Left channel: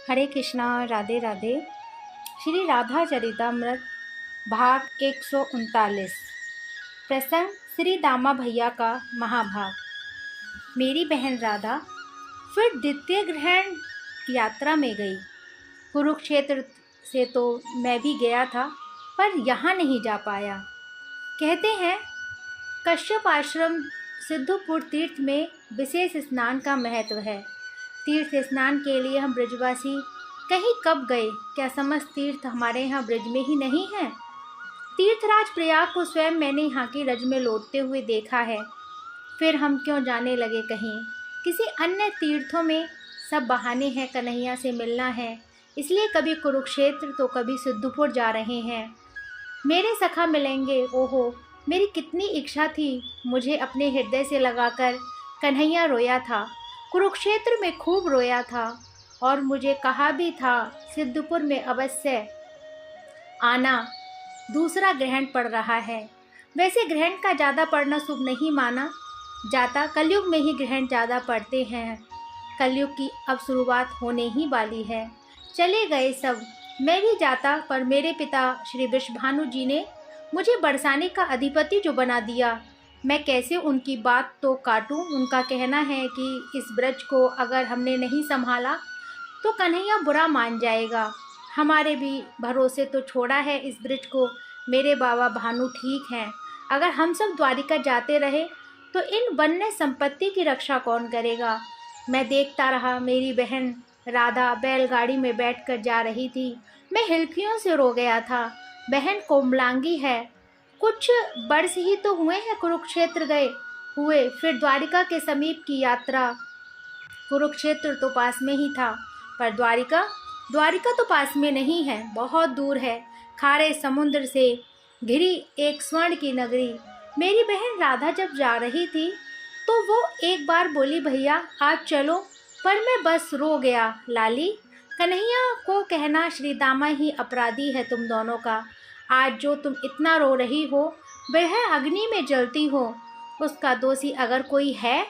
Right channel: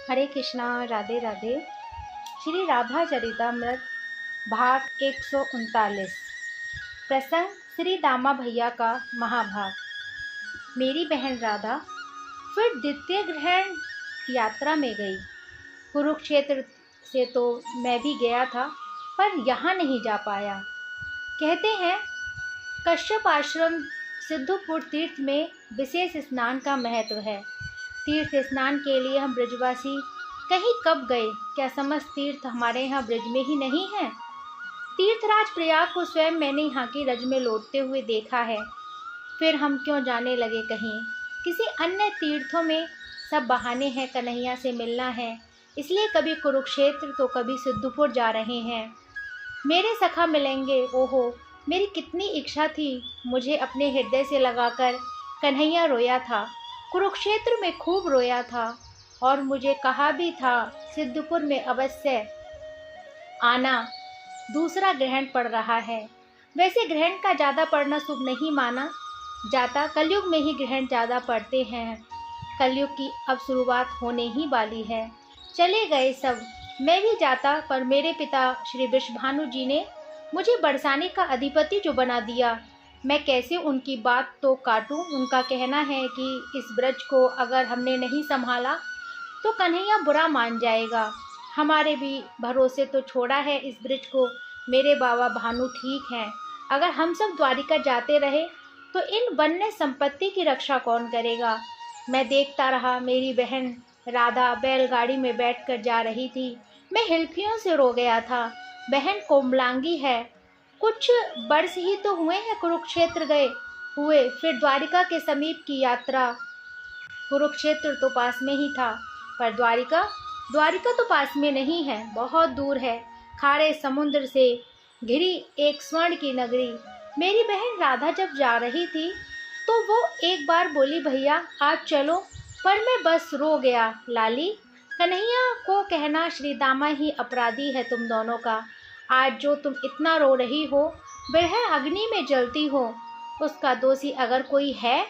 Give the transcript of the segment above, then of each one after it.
हरे कृष्णा। राधे राधे। श्री राधा चरितामृत भाग 139। प्रसंग श्री दामा भैया का महाभाग। मेरी बहन राधा फिर द्वितीय ग्रहण यात्रा में गई। कुरुक्षेत्र से तो मैं भी गया था, पर यहाँ नहीं जा पाया। कहते हैं कश्यप आश्रम सिद्धपुर तीर्थ में विशेष स्नान का महत्व है। तीर्थ स्नान के लिए हम ब्रजवासी कहीं कब गए? क्या समस्त तीर्थ हमारे यहाँ ब्रज में ही नहीं है? तीर्थराज प्रयाग को स्वयं मैंने यहाँ की रज में लौटते हुए देखा है। फिर हम क्यों जाने लगे कहीं किसी अन्य तीर्थों में? सब बहाने हैं, कन्हैया से मिलना है, इसलिए कभी कुरुक्षेत्र तो कभी सिद्धपुर जा रहे हैं। मेरे सखा मिलेंगे। ओहो, मेरी कितनी इच्छा थी। मुझे अपने हृदय से लगाकर कन्हैया रोया था, कुरुक्षेत्र में खूब रोया था, और मुझे कहा भी था सिद्धपुर में अवश्य आना। दूसरा ग्रहण पड़ रहा है। वैसे ग्रहण का ज़्यादा पड़ना शुभ नहीं माना जाता। कलयुग में ही ग्रहण ज़्यादा पड़ते हैं। कलयुग की अब शुरुआत होने ही वाली है। चले गए सब, मैं भी जाता, पर मेरे पिता श्री वृषभानु जी ने मुझे बरसाने का अधिपति जो बना दिया, मैं कैसे उनकी बात तो काटूं। उनका कहना है कि इस ब्रज को अगर हमने नहीं संभाला तो कन्हैया बुरा मान जाएगा। हमारे भी भरोसे तो छोड़ा है इस ब्रज को मेरे बाबा भानु ठीक हैं। अगर हम सब द्वारिका जाते रहे तो इन वन्य संपत्ति की रक्षा कौन करेगा? मैं देखता रहा। मेरी बहन राधा बैलगाड़ी में बैठकर जा रही थी। मैं हिलकियों से रो गया था। बहन कोमलांगी है। कुछ वर्ष ही तो हुए हैं कुरुक्षेत्र गए हुए, फिर द्वारिका के समीप की यात्रा। कुरुक्षेत्र तो पास में ही था, पर द्वारिका तो पास में नहीं है, बहुत दूर है। खारे समुद्र से घिरी एक स्वर्ण की नगरी। मेरी बहन राधा जब जा रही थी तो वो एक बार बोली, भैया आप चलो, पर मैं बस रो गया। लाली, कन्हैया को कहना श्री दामा ही अपराधी है तुम दोनों का। आज जो तुम इतना रो रही हो वह अग्नि में जलती हो। उसका दोषी अगर कोई है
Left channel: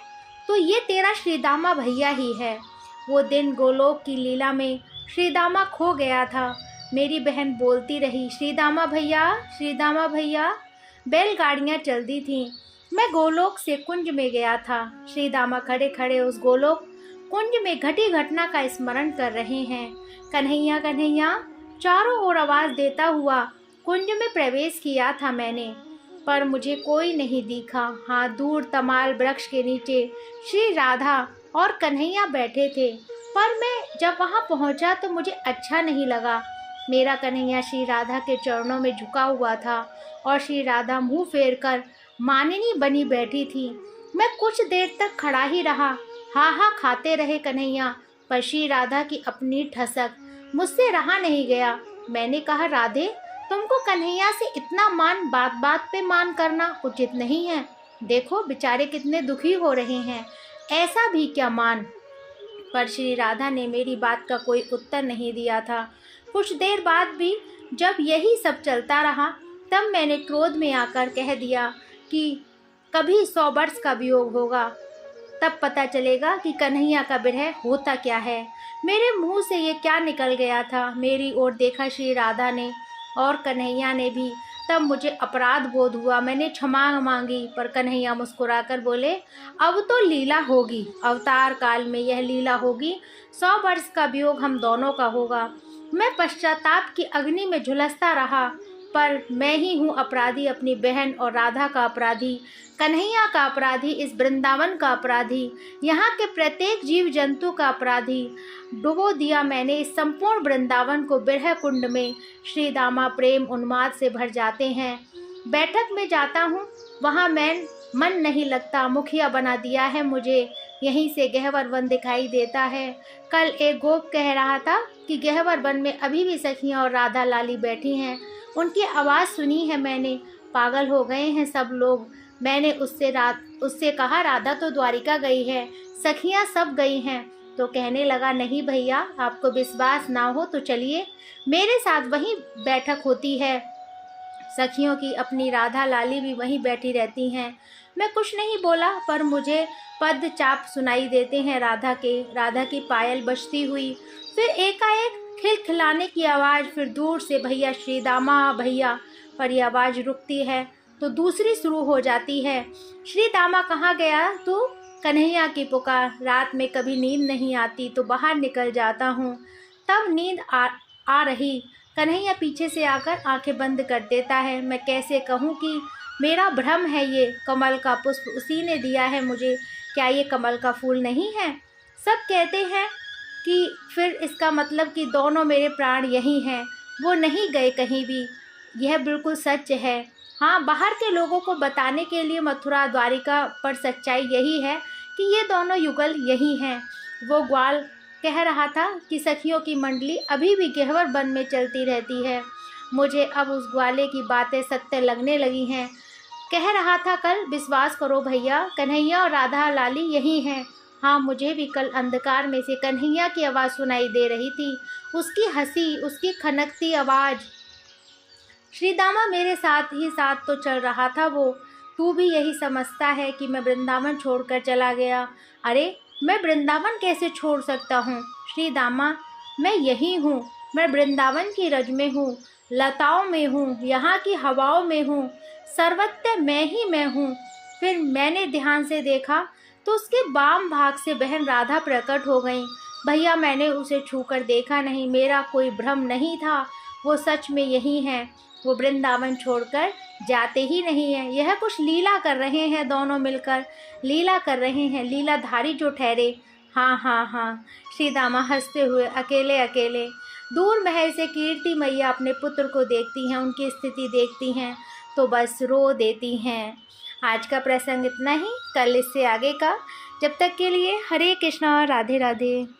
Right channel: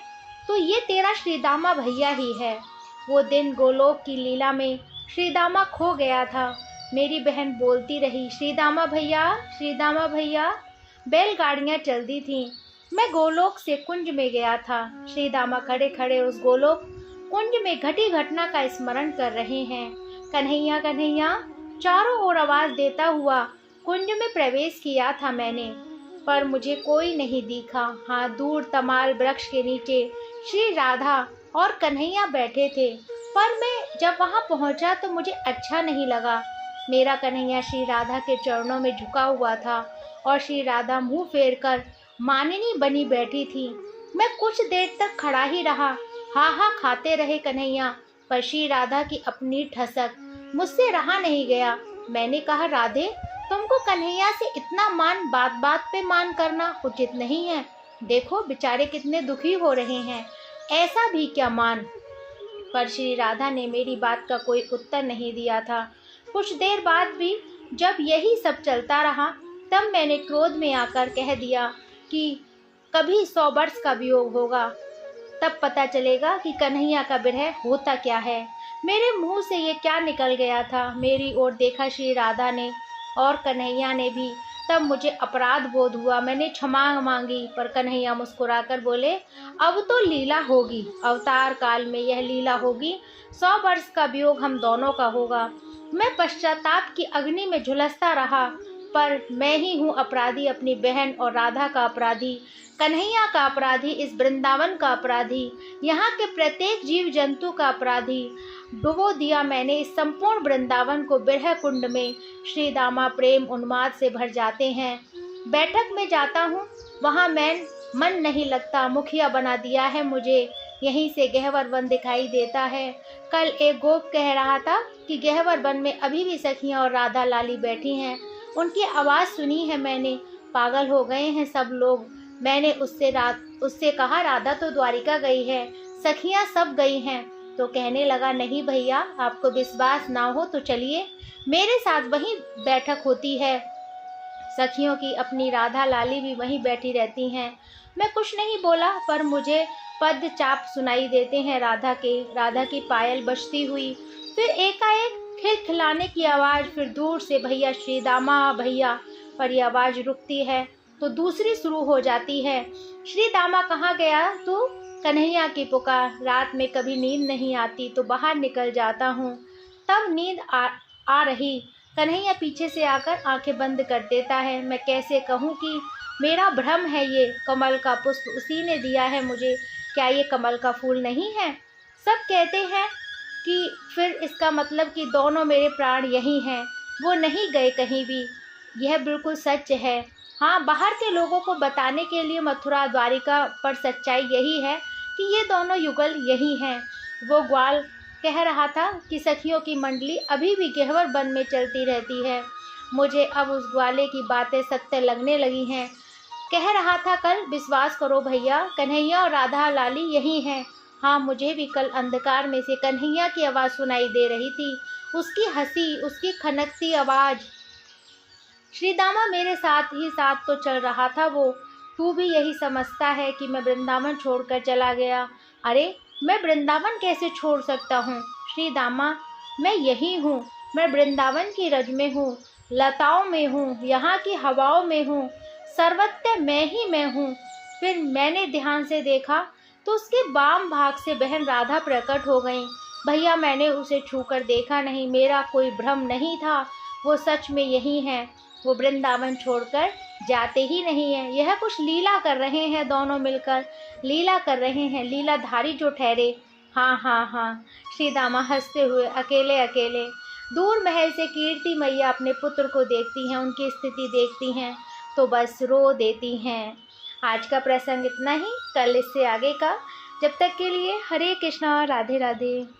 तो ये तेरा श्रीदामा भैया ही है। वो दिन गोलोक की लीला में श्रीदामा खो गया था। मेरी बहन बोलती रही, श्रीदामा भैया, श्रीदामा भैया। बैलगाड़ियाँ चलती थीं। मैं गोलोक से कुंज में गया था। श्रीदामा खड़े खड़े उस गोलोक कुंज में घटी घटना का स्मरण कर रहे हैं। कन्हैया कन्हैया चारों ओर आवाज देता हुआ कुंज में प्रवेश किया था मैंने, पर मुझे कोई नहीं दिखा। हाँ, दूर तमाल वृक्ष के नीचे श्री राधा और कन्हैया बैठे थे, पर मैं जब वहाँ पहुँचा तो मुझे अच्छा नहीं लगा। मेरा कन्हैया श्री राधा के चरणों में झुका हुआ था और श्री राधा मुंह फेर कर मानिनी बनी बैठी थी। मैं कुछ देर तक खड़ा ही रहा। हाँ हाँ खाते रहे कन्हैया, पर श्री राधा की अपनी ठसक मुझसे रहा नहीं गया। मैंने कहा, राधे, तुमको कन्हैया से इतना मान, बात बात पे मान करना उचित नहीं है। देखो बेचारे कितने दुखी हो रहे हैं, ऐसा भी क्या मान? पर श्री राधा ने मेरी बात का कोई उत्तर नहीं दिया था। कुछ देर बाद भी जब यही सब चलता रहा, तब मैंने क्रोध में आकर कह दिया कि कभी 100 वर्ष का वियोग होगा, तब पता चलेगा कि कन्हैया का विरह होता क्या है। मेरे मुंह से ये क्या निकल गया था? मेरी ओर देखा श्री राधा ने और कन्हैया ने भी। तब मुझे अपराध बोध हुआ। मैंने क्षमा मांगी, पर कन्हैया मुस्कुराकर बोले, अब तो लीला होगी, अवतार काल में यह लीला होगी। 100 वर्ष का वियोग हम दोनों का होगा। मैं पश्चाताप की अग्नि में झुलसता रहा, पर मैं ही हूँ अपराधी, अपनी बहन और राधा का अपराधी, कन्हैया का अपराधी, इस वृंदावन का अपराधी, यहाँ के प्रत्येक जीव जंतु का अपराधी। डुबो दिया मैंने इस संपूर्ण वृंदावन को बिरह कुंड में। श्री दामा प्रेम उन्माद से भर जाते हैं। बैठक में जाता हूँ, वहाँ मैं मन नहीं लगता। मुखिया बना दिया है मुझे। यहीं से गहवर वन दिखाई देता है। कल एक गोप कह रहा था कि गहवर वन में अभी भी सखियाँ और राधा लाली बैठी हैं। उनकी आवाज़ सुनी है मैंने। पागल हो गए हैं सब लोग। मैंने उससे कहा, राधा तो द्वारिका गई है, सखियाँ सब गई हैं। तो कहने लगा, नहीं भैया, आपको विश्वास ना हो तो चलिए, मेरे साथ वहीं बैठक होती है। सखियों की अपनी राधा लाली भी वहीं बैठी रहती हैं। मैं कुछ नहीं बोला, पर मुझे पद चाप सुनाई देते हैं राधा की पायल बजती हुई। फिर एकाएक खिलखिलाने की आवाज़, फिर दूर से भैया श्री दामा भैया, पर यह आवाज़ रुकती है तो दूसरी शुरू हो जाती है। श्री दामा कहाँ गया तू? कन्हैया की पुकार। रात में कभी नींद नहीं आती तो बाहर निकल जाता हूँ, तब नींद आ रही। कन्हैया पीछे से आकर आंखें बंद कर देता है। मैं कैसे कहूँ कि मेरा भ्रम है ये, कमल का पुष्प उसी ने दिया है मुझे, क्या ये कमल का फूल नहीं है? सब कहते हैं कि फिर इसका मतलब कि दोनों मेरे प्राण यही हैं, वो नहीं गए कहीं भी। यह बिल्कुल सच है। हाँ, बाहर के लोगों को बताने के लिए मथुरा द्वारिका पर सच्चाई यही है कि ये दोनों युगल यही हैं। वो ग्वाल कह रहा था कि सखियों की मंडली अभी भी गहवर वन में चलती रहती है। मुझे अब उस ग्वाले की बातें सत्य लगने लगी हैं। कह रहा था कल, विश्वास करो भैया, कन्हैया और राधा लाली यही हैं। हाँ, मुझे भी कल अंधकार में से कन्हैया की आवाज़ सुनाई दे रही थी, उसकी हंसी, उसकी खनकती आवाज़। श्रीदामा मेरे साथ ही साथ तो चल रहा था वो। तू भी यही समझता है कि मैं वृंदावन छोड़कर चला गया? अरे, मैं वृंदावन कैसे छोड़ सकता हूँ श्रीदामा? मैं यही हूँ, मैं वृंदावन की रज में हूँ, लताओं में हूँ, यहाँ की हवाओं में हूँ, सर्वत्र मैं ही मैं हूँ। फिर मैंने ध्यान से देखा तो उसके वाम भाग से बहन राधा प्रकट हो गई। भैया, मैंने उसे छूकर देखा नहीं, मेरा कोई भ्रम नहीं था, वो सच में यही है। वो वृंदावन छोड़कर जाते ही नहीं हैं। यह कुछ लीला कर रहे हैं, दोनों मिलकर लीला कर रहे हैं, लीलाधारी जो ठहरे। हाँ हाँ हाँ, श्रीदामा हंसते हुए अकेले अकेले दूर महल से कीर्ति मैया अपने पुत्र को देखती हैं, उनकी स्थिति देखती हैं तो बस रो देती हैं। आज का प्रसंग इतना ही, कल इससे आगे का। जब तक के लिए हरे कृष्णा, राधे राधे।